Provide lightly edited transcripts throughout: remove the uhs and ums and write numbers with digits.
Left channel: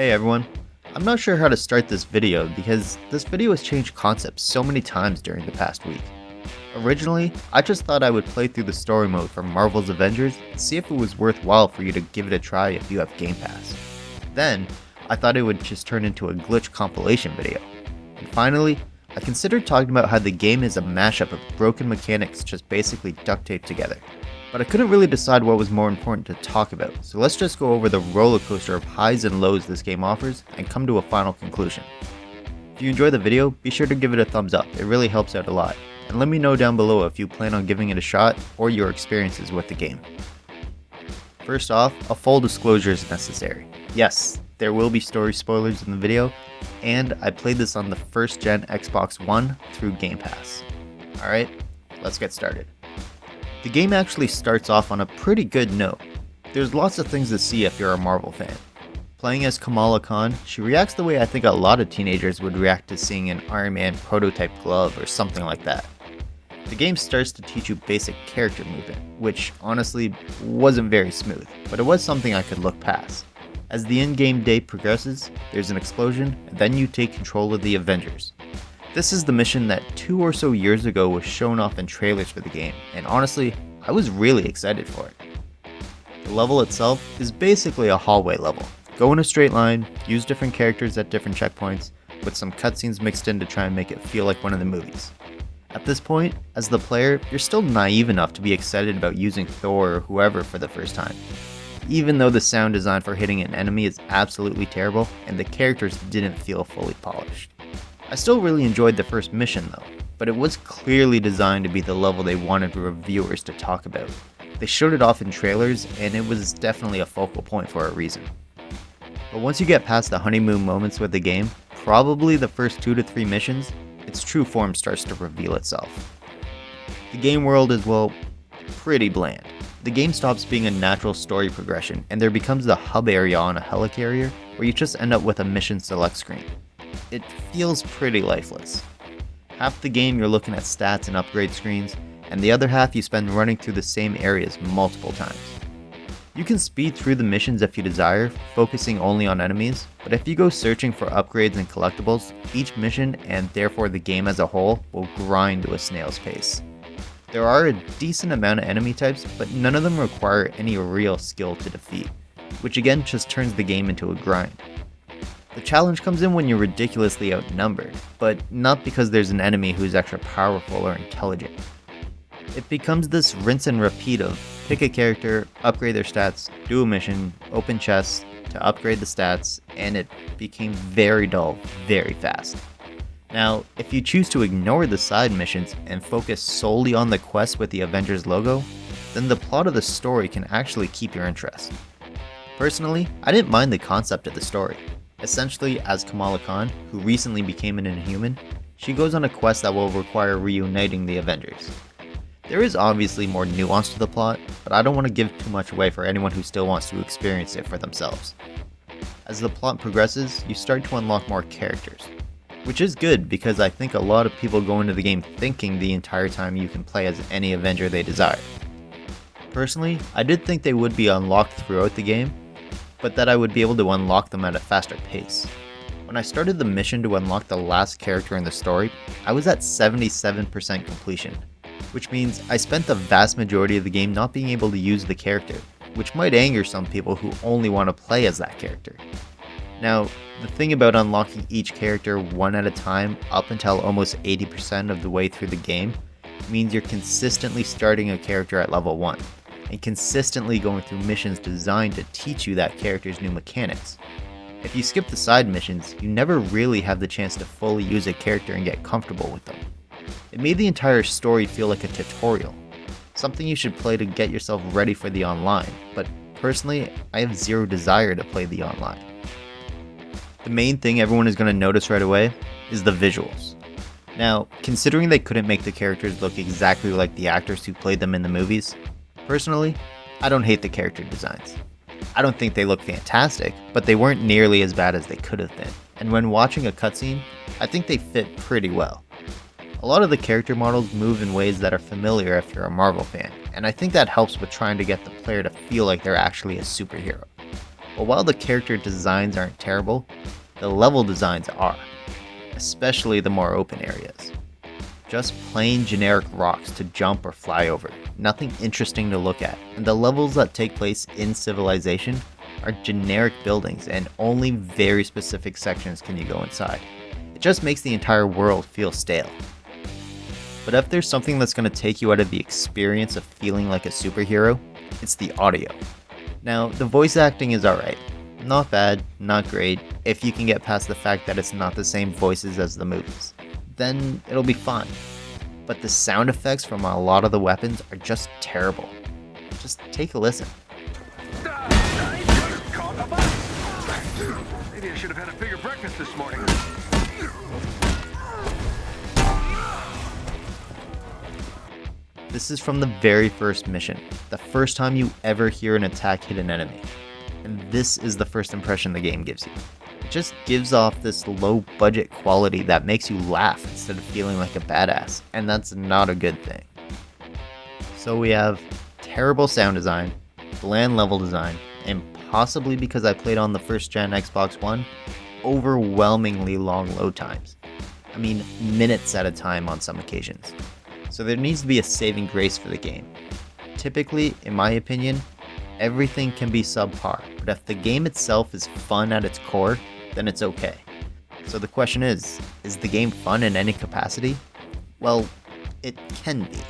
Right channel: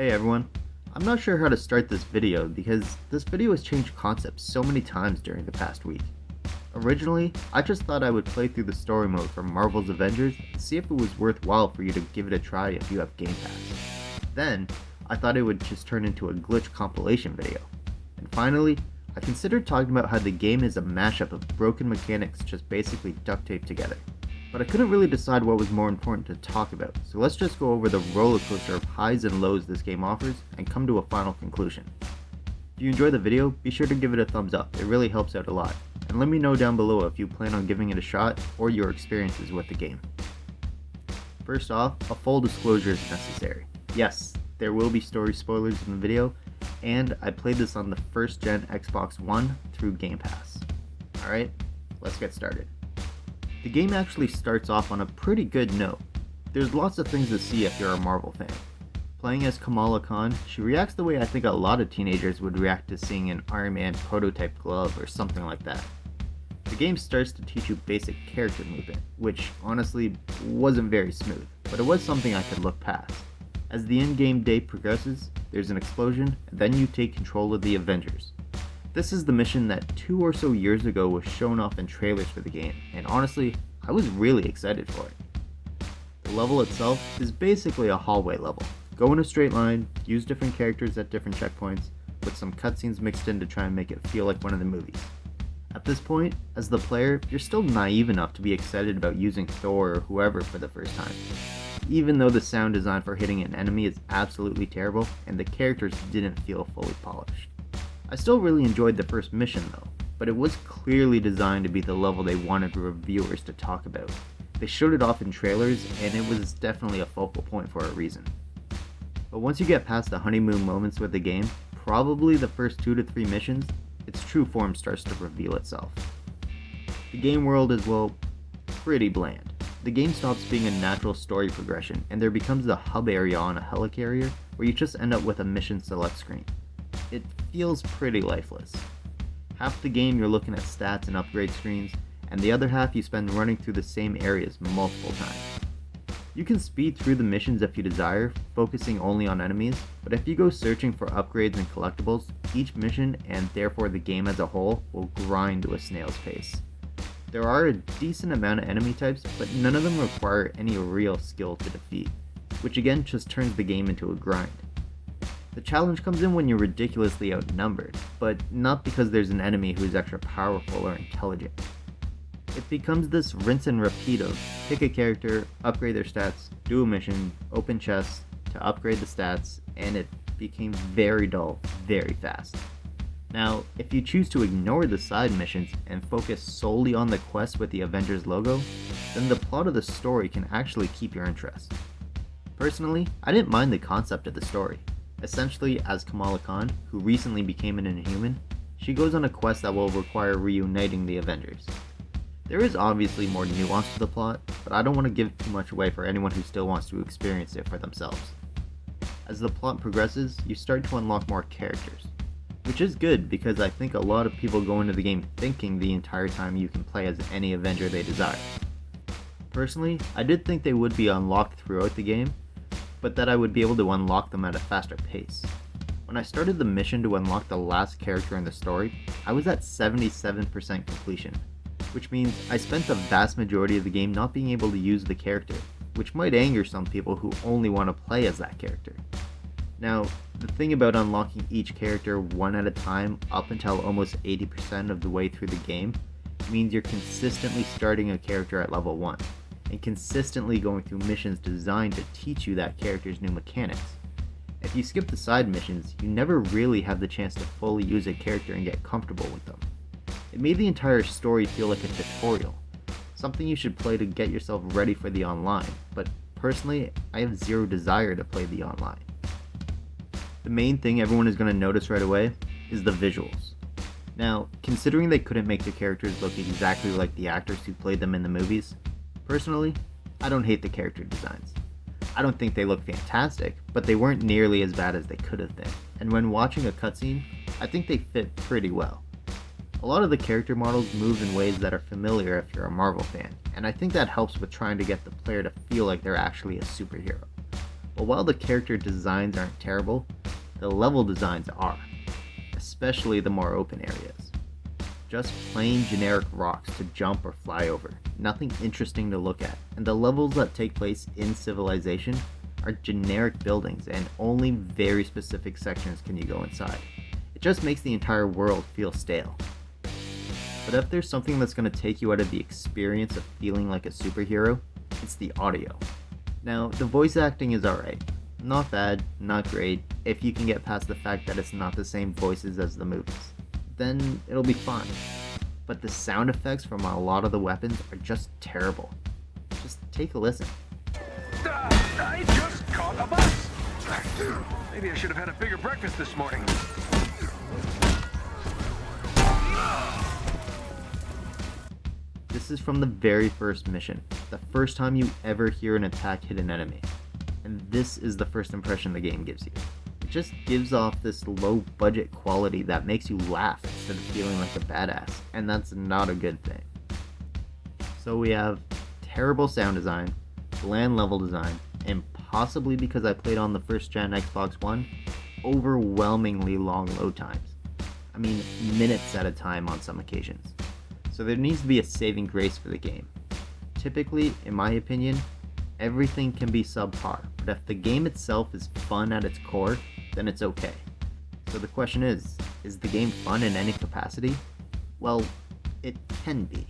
Hey everyone, I'm not sure how to start this video because this video has changed concepts so many times during the past week. Originally, I just thought I would play through the story mode from Marvel's Avengers and see if it was worthwhile for you to give it a try if you have Game Pass. Then, I thought it would just turn into a glitch compilation video. And finally, I considered talking about how the game is a mashup of broken mechanics just basically duct taped together. But I couldn't really decide what was more important to talk about, so let's just go over the roller coaster of highs and lows this game offers and come to a final conclusion. If you enjoy the video, be sure to give it a thumbs up, it really helps out a lot, and let me know down below if you plan on giving it a shot or your experiences with the game. First off, a full disclosure is necessary. Yes, there will be story spoilers in the video, and I played this on the first gen Xbox One through Game Pass. Alright, let's get started. The game actually starts off on a pretty good note. There's lots of things to see if you're a Marvel fan. Playing as Kamala Khan, she reacts the way I think a lot of teenagers would react to seeing an Iron Man prototype glove or something like that. The game starts to teach you basic character movement, which honestly wasn't very smooth, but it was something I could look past. As the in-game day progresses, there's an explosion, and then you take control of the Avengers. This is the mission that 2 or so years ago was shown off in trailers for the game, and honestly, I was really excited for it. The level itself is basically a hallway level. Go in a straight line, use different characters at different checkpoints, with some cutscenes mixed in to try and make it feel like one of the movies. At this point, as the player, you're still naive enough to be excited about using Thor or whoever for the first time. Even though the sound design for hitting an enemy is absolutely terrible, and the characters didn't feel fully polished. I still really enjoyed the first mission though, but it was clearly designed to be the level they wanted reviewers to talk about. They showed it off in trailers, and it was definitely a focal point for a reason. But once you get past the honeymoon moments with the game, probably the first 2 to 3 missions, its true form starts to reveal itself. The game world is, well, pretty bland. The game stops being a natural story progression, and there becomes the hub area on a helicarrier where you just end up with a mission select screen. It feels pretty lifeless. Half the game you're looking at stats and upgrade screens, and the other half you spend running through the same areas multiple times. You can speed through the missions if you desire, focusing only on enemies, but if you go searching for upgrades and collectibles, each mission, and therefore the game as a whole, will grind to a snail's pace. There are a decent amount of enemy types, but none of them require any real skill to defeat, which again just turns the game into a grind. The challenge comes in when you're ridiculously outnumbered, but not because there's an enemy who's extra powerful or intelligent. It becomes this rinse and repeat of pick a character, upgrade their stats, do a mission, open chests to upgrade the stats, and it became very dull very fast. Now, if you choose to ignore the side missions and focus solely on the quest with the Avengers logo, then the plot of the story can actually keep your interest. Personally, I didn't mind the concept of the story. Essentially, as Kamala Khan, who recently became an Inhuman, she goes on a quest that will require reuniting the Avengers. There is obviously more nuance to the plot, but I don't want to give too much away for anyone who still wants to experience it for themselves. As the plot progresses, you start to unlock more characters, which is good because I think a lot of people go into the game thinking the entire time you can play as any Avenger they desire. Personally, I did think they would be unlocked throughout the game, but that I would be able to unlock them at a faster pace. When I started the mission to unlock the last character in the story, I was at 77% completion, which means I spent the vast majority of the game not being able to use the character, which might anger some people who only want to play as that character. Now, the thing about unlocking each character one at a time up until almost 80% of the way through the game means you're consistently starting a character at level 1. And consistently going through missions designed to teach you that character's new mechanics. If you skip the side missions, you never really have the chance to fully use a character and get comfortable with them. It made the entire story feel like a tutorial, something you should play to get yourself ready for the online, but personally, I have zero desire to play the online. The main thing everyone is going to notice right away is the visuals. Now, considering they couldn't make the characters look exactly like the actors who played them in the movies, personally, I don't hate the character designs. I don't think they look fantastic, but they weren't nearly as bad as they could have been, and when watching a cutscene, I think they fit pretty well. A lot of the character models move in ways that are familiar if you're a Marvel fan, and I think that helps with trying to get the player to feel like they're actually a superhero. But while the character designs aren't terrible, the level designs are, especially the more open areas. Just plain generic rocks to jump or fly over, nothing interesting to look at, and the levels that take place in Civilization are generic buildings and only very specific sections can you go inside. It just makes the entire world feel stale. But if there's something that's going to take you out of the experience of feeling like a superhero, it's the audio. Now, the voice acting is alright. Not bad, not great, if you can get past the fact that it's not the same voices as the movies. Then it'll be fine. But the sound effects from a lot of the weapons are just terrible. Just take a listen. I just caught a bus! Maybe I should have had a bigger breakfast this morning. This is from the very first mission, the first time you ever hear an attack hit an enemy. And this is the first impression the game gives you. It just gives off this low budget quality that makes you laugh instead of feeling like a badass, and that's not a good thing. So we have terrible sound design, bland level design, and possibly because I played on the first gen Xbox One, overwhelmingly long load times. I mean, minutes at a time on some occasions. So there needs to be a saving grace for the game. Typically, in my opinion, everything can be subpar, but if the game itself is fun at its core, then it's okay. So the question is the game fun in any capacity? Well, it can be.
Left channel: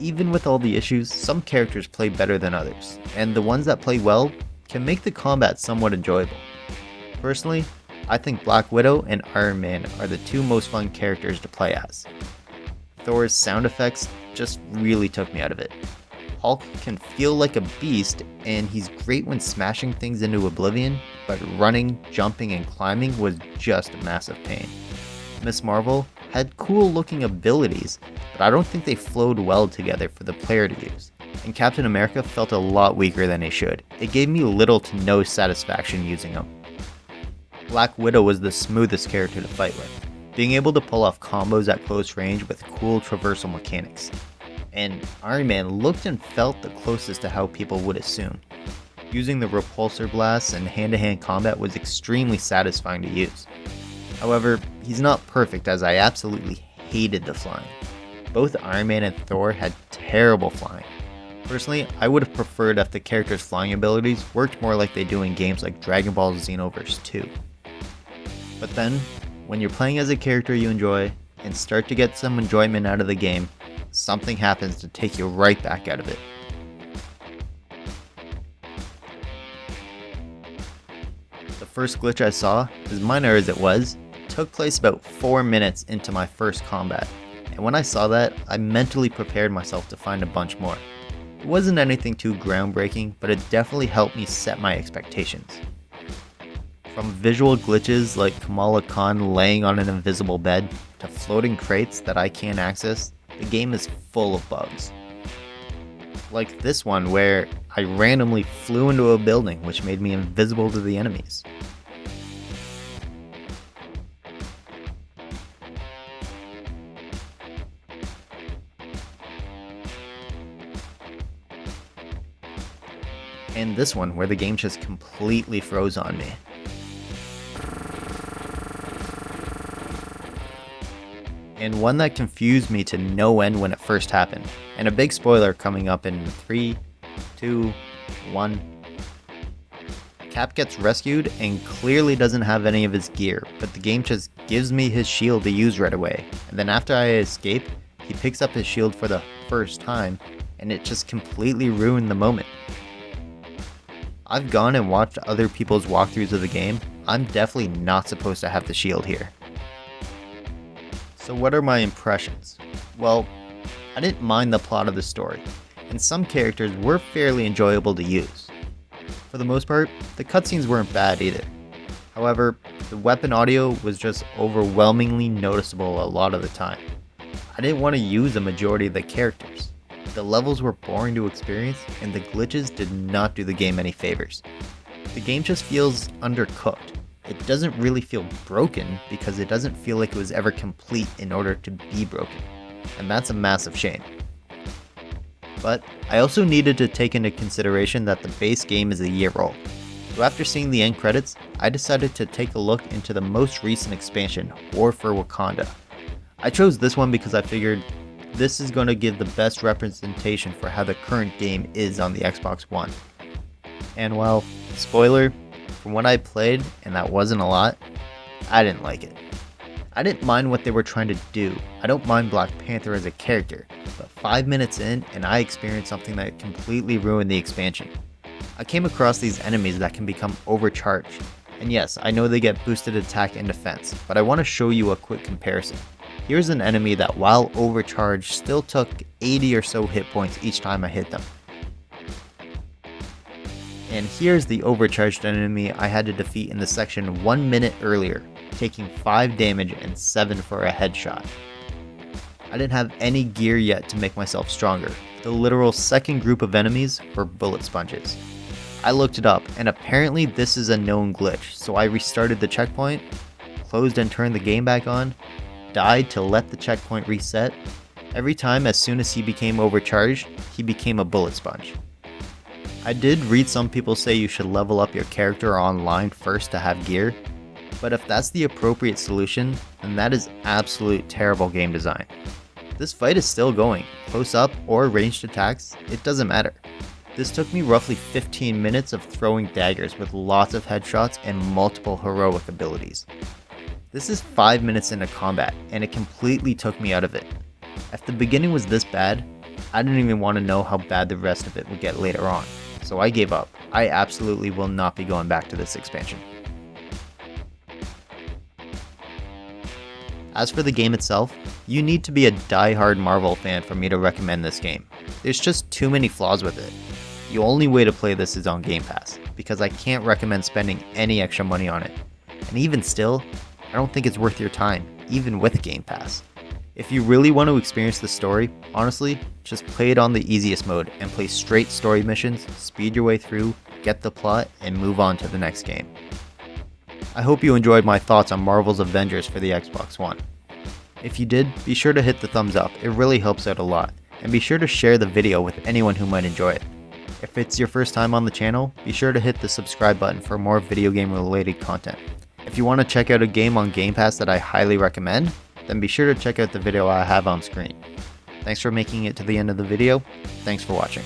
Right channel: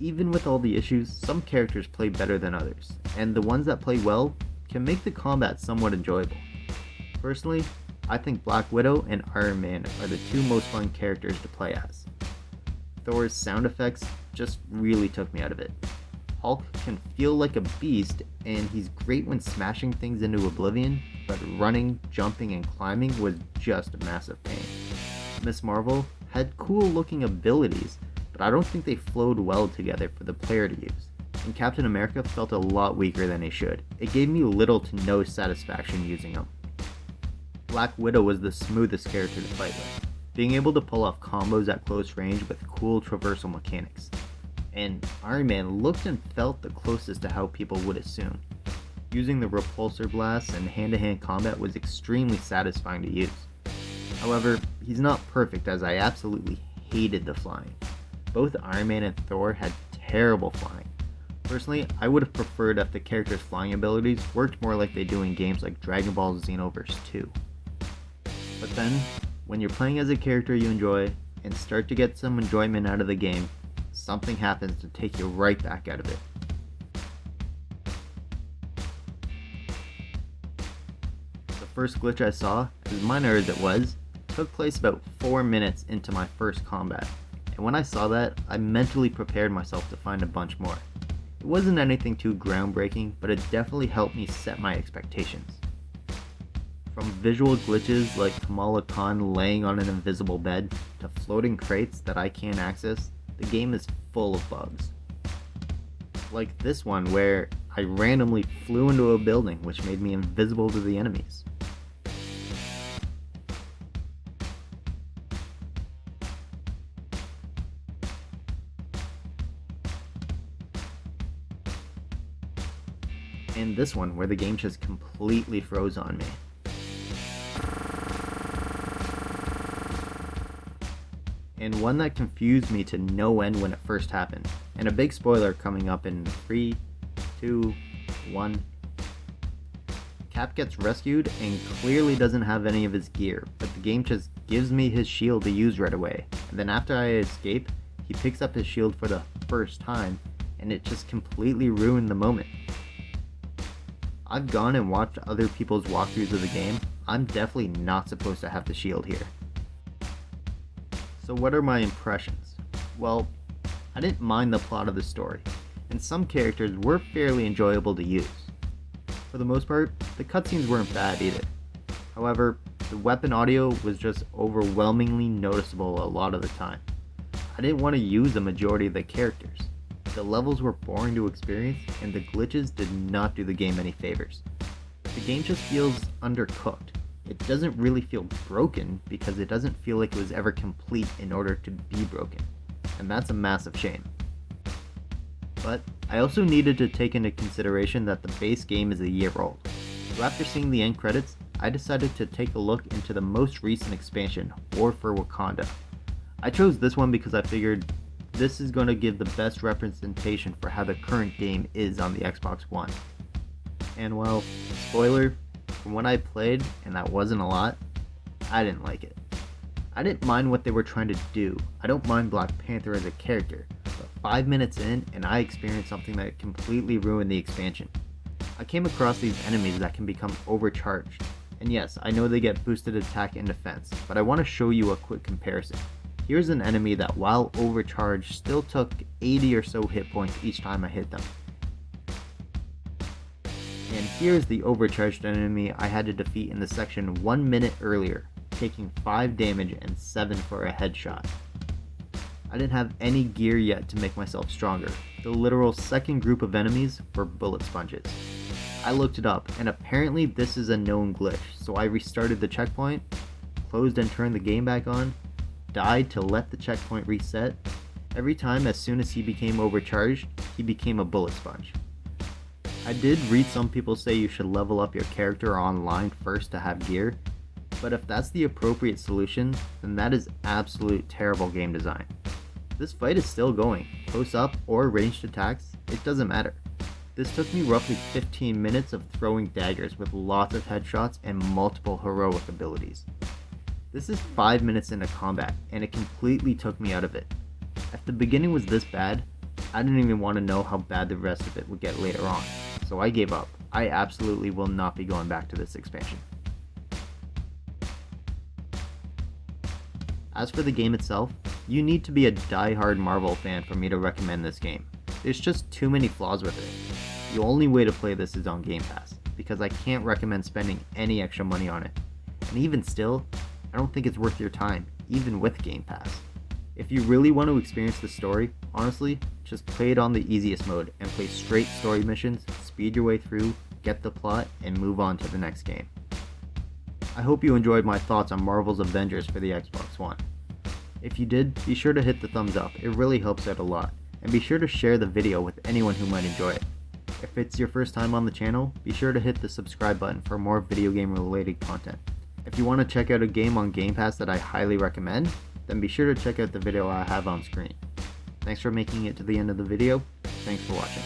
Even with all the issues, some characters play better than others, and the ones that play well can make the combat somewhat enjoyable. Personally, I think Black Widow and Iron Man are the two most fun characters to play as. Thor's sound effects just really took me out of it. Hulk can feel like a beast, and he's great when smashing things into oblivion, but running, jumping, and climbing was just a massive pain. Ms. Marvel had cool looking abilities, but I don't think they flowed well together for the player to use. And Captain America felt a lot weaker than he should. It gave me little to no satisfaction using him. Black Widow was the smoothest character to fight with, being able to pull off combos at close range with cool traversal mechanics. And Iron Man looked and felt the closest to how people would assume. Using the repulsor blasts and hand-to-hand combat was extremely satisfying to use. However, he's not perfect, as I absolutely hated the flying. Both Iron Man and Thor had terrible flying. Personally, I would have preferred if the character's flying abilities worked more like they do in games like Dragon Ball Xenoverse 2. But then, when you're playing as a character you enjoy, and start to get some enjoyment out of the game, something happens to take you right back out of it. The first glitch I saw, as minor as it was, took place about 4 minutes into my first combat, and when I saw that, I mentally prepared myself to find a bunch more. It wasn't anything too groundbreaking, but it definitely helped me set my expectations. From visual glitches like Kamala Khan laying on an invisible bed, to floating crates that I can't access, the game is full of bugs. Like this one where I randomly flew into a building which made me invisible to the enemies. And this one where the game just completely froze on me. And one that confused me to no end when it first happened. And a big spoiler coming up in 3, 2, 1. Cap gets rescued and clearly doesn't have any of his gear, but the game just gives me his shield to use right away. And then after I escape, he picks up his shield for the first time, and it just completely ruined the moment. I've gone and watched other people's walkthroughs of the game. I'm definitely not supposed to have the shield here. So what are my impressions? Well, I didn't mind the plot of the story, and some characters were fairly enjoyable to use. For the most part, the cutscenes weren't bad either. However, the weapon audio was just overwhelmingly noticeable a lot of the time. I didn't want to use the majority of the characters. The levels were boring to experience, and the glitches did not do the game any favors. The game just feels undercooked. It doesn't really feel broken because it doesn't feel like it was ever complete in order to be broken, and that's a massive shame. But I also needed to take into consideration that the base game is a year old. So after seeing the end credits, I decided to take a look into the most recent expansion, War for Wakanda. I chose this one because I figured this is going to give the best representation for how the current game is on the Xbox One. And well, spoiler, from what I played, and that wasn't a lot, I didn't like it. I didn't mind what they were trying to do. I don't mind Black Panther as a character, but 5 minutes in and I experienced something that completely ruined the expansion. I came across these enemies that can become overcharged, and yes, I know they get boosted attack and defense, but I want to show you a quick comparison. Here's an enemy that while overcharged still took 80 or so hit points each time I hit them. And here's the overcharged enemy I had to defeat in the section 1 minute earlier, taking 5 damage and 7 for a headshot. I didn't have any gear yet to make myself stronger. The literal second group of enemies were bullet sponges. I looked it up, and apparently this is a known glitch, so I restarted the checkpoint, closed and turned the game back on, died to let the checkpoint reset. Every time, as soon as he became overcharged, he became a bullet sponge. I did read some people say you should level up your character online first to have gear, but if that's the appropriate solution, then that is absolute terrible game design. This fight is still going, close up or ranged attacks, it doesn't matter. This took me roughly 15 minutes of throwing daggers with lots of headshots and multiple heroic abilities. This is 5 minutes into combat, and it completely took me out of it. If the beginning was this bad, I didn't even want to know how bad the rest of it would get later on, so I gave up. I absolutely will not be going back to this expansion. As for the game itself, you need to be a die-hard Marvel fan for me to recommend this game. There's just too many flaws with it. The only way to play this is on Game Pass, because I can't recommend spending any extra money on it. And even still, I don't think it's worth your time, even with Game Pass. If you really want to experience the story, honestly, just play it on the easiest mode and play straight story missions, speed your way through, get the plot, and move on to the next game. I hope you enjoyed my thoughts on Marvel's Avengers for the Xbox One. If you did, be sure to hit the thumbs up, it really helps out a lot, and be sure to share the video with anyone who might enjoy it. If it's your first time on the channel, be sure to hit the subscribe button for more video game related content. If you want to check out a game on Game Pass that I highly recommend, then be sure to check out the video I have on screen. Thanks for making it to the end of the video. Thanks for watching.